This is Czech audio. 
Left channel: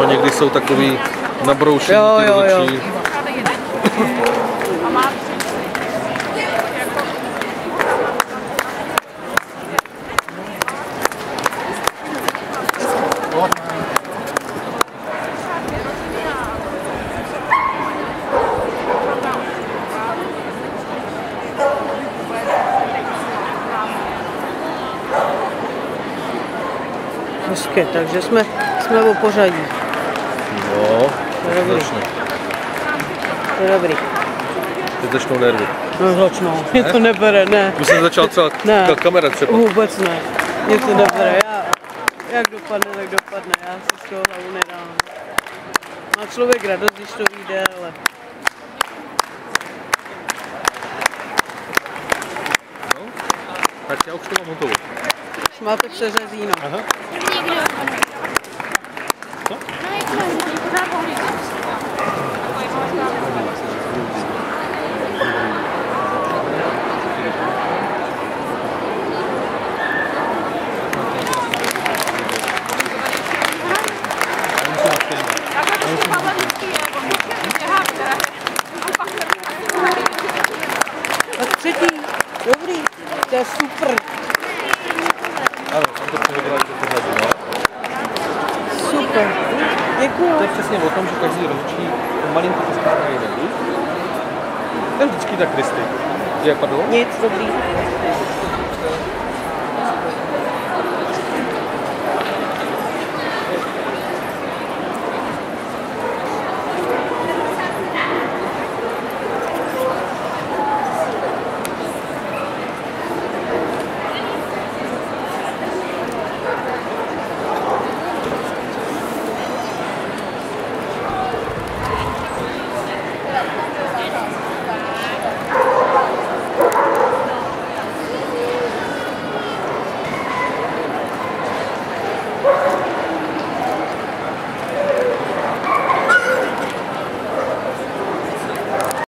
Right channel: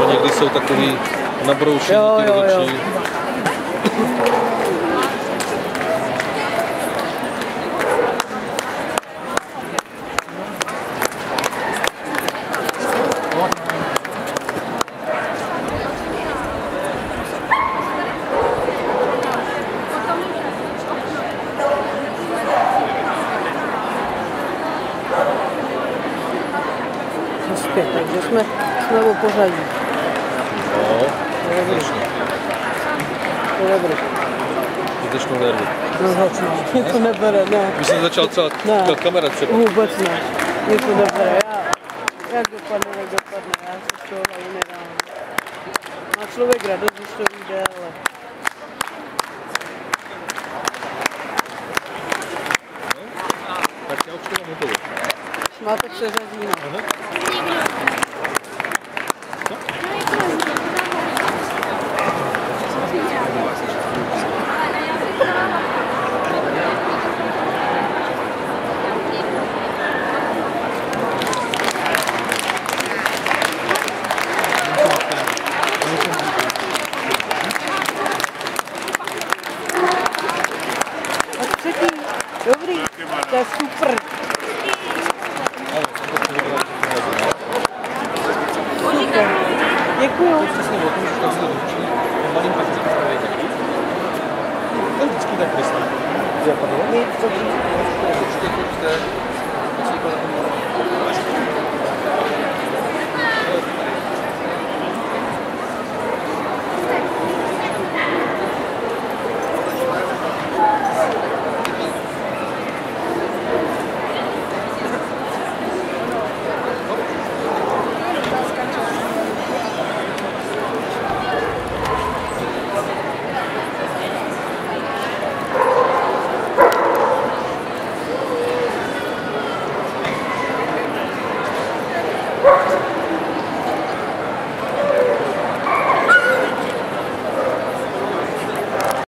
No někdy jsou takový nabroušený. Jo. Hezky, takže jsme o pořadí. No, to je dobrý. To je dobrý. To začnou nervy. No začnou, mě to nebere, ne. Už jsem začal celá kamera třeba. Vůbec ne, mě to nebere, jak dopadne, tak dopadne, já se z toho hlavu nedám. Má člověk radost, když to vyjde, ale... Tak já už to mám hotovo. Už máte přeřazíno. Aha. A třetí, dobrý, to je super. Super, děkuju. To je přesně o tom, že každý ručí malinko postaví ruku. To je vždycky tak krysty. Pardon? Nic, dobrý.